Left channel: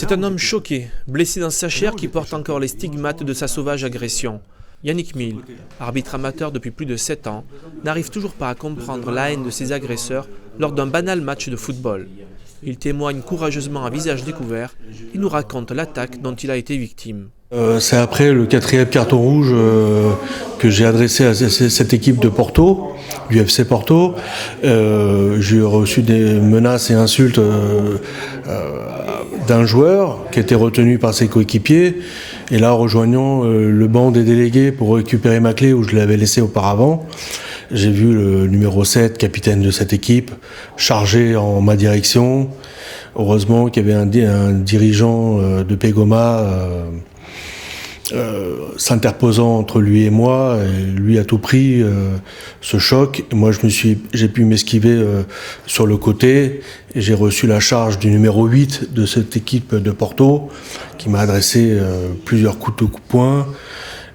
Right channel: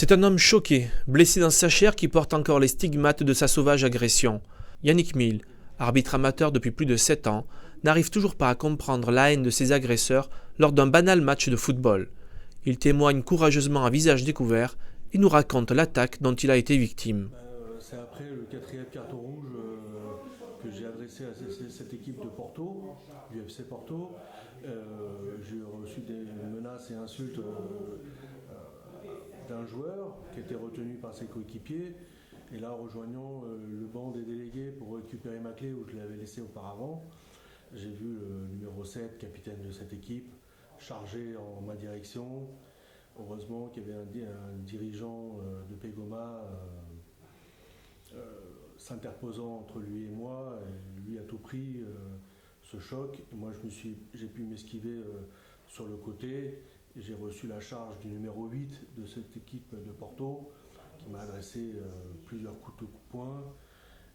C'est un homme choqué, blessé dans sa chair qui porte encore les stigmates de sa sauvage agression. Yannick Mille, arbitre amateur depuis plus de 7 ans, n'arrive toujours pas à comprendre la haine de ses agresseurs lors d'un banal match de football. Il témoigne courageusement à visage découvert et nous raconte l'attaque dont il a été victime. C'est après le 4e carton rouge que j'ai adressé à cette équipe de Porto, du FC Porto. J'ai reçu des menaces et insultes d'un joueur qui était retenu par ses coéquipiers. Et là, rejoignant le banc des délégués pour récupérer ma clé où je l'avais laissée auparavant, j'ai vu le numéro 7, capitaine de cette équipe, chargé en ma direction. Heureusement qu'il y avait un dirigeant de Pégoma s'interposant entre lui et moi, et lui a tout pris ce choc. Et moi, j'ai pu m'esquiver sur le côté et j'ai reçu la charge du numéro 8 de cette équipe de Porto qui m'a adressé plusieurs coups de poing,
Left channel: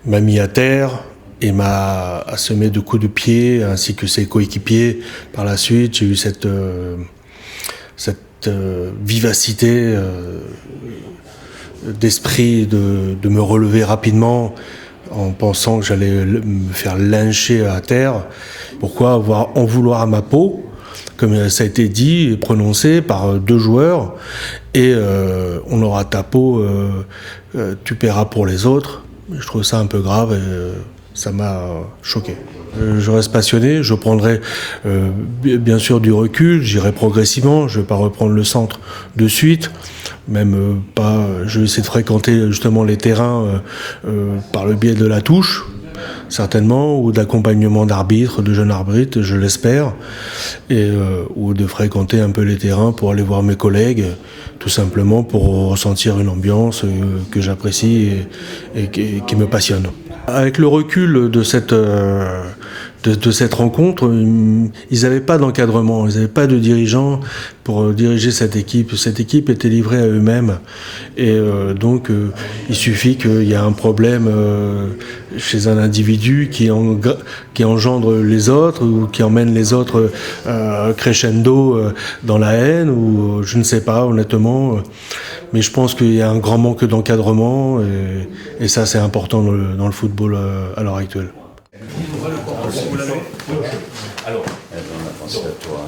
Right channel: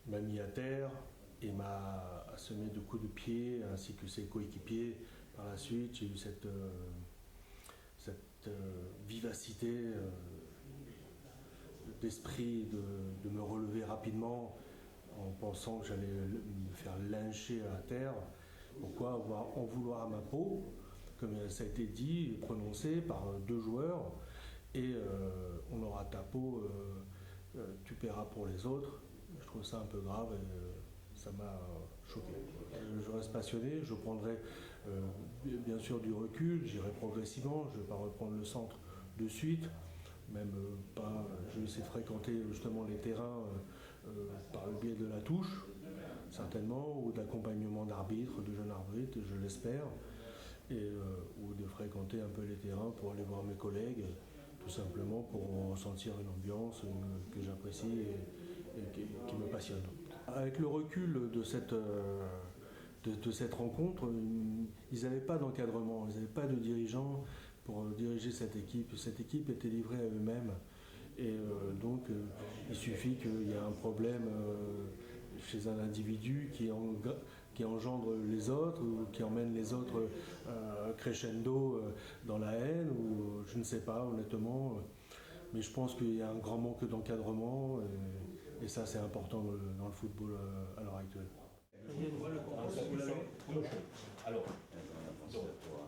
m'a mis à terre et m'a assommé de coups de pied ainsi que ses coéquipiers. Par la suite, j'ai eu cette vivacité d'esprit de me relever rapidement en pensant que j'allais me faire lyncher à terre. Pourquoi en vouloir à ma peau, comme ça a été dit et prononcé par 2 joueurs, et on aura ta peau, tu paieras pour les autres. Je trouve ça un peu grave et ça m'a choqué. Je reste passionné, je prendrai bien sûr du recul, j'irai progressivement, je ne vais pas reprendre le centre de suite, même pas, je vais essayer de fréquenter justement les terrains par le biais de la touche, certainement, ou d'accompagnement d'arbitres, de jeunes arbitres, je l'espère, et ou de fréquenter un peu les terrains pour aller voir mes collègues, tout simplement pour ressentir une ambiance que j'apprécie et qui me passionne. Avec le recul de cette rencontre, ils n'avaient pas d'encadrement, ils n'avaient pas de dirigeants pour diriger cette équipe. Cette équipe était livrée à eux-mêmes. Et donc, il suffit qu'il y ait un problème chez un individu qui engendre les autres ou qui emmène les autres crescendo dans la haine ou je ne sais pas, honnêtement. Mais je pense qu'il y a un grand manque d'encadrement et ça, c'est important dans le football à l'heure actuelle. Alors, on a pensé à toi.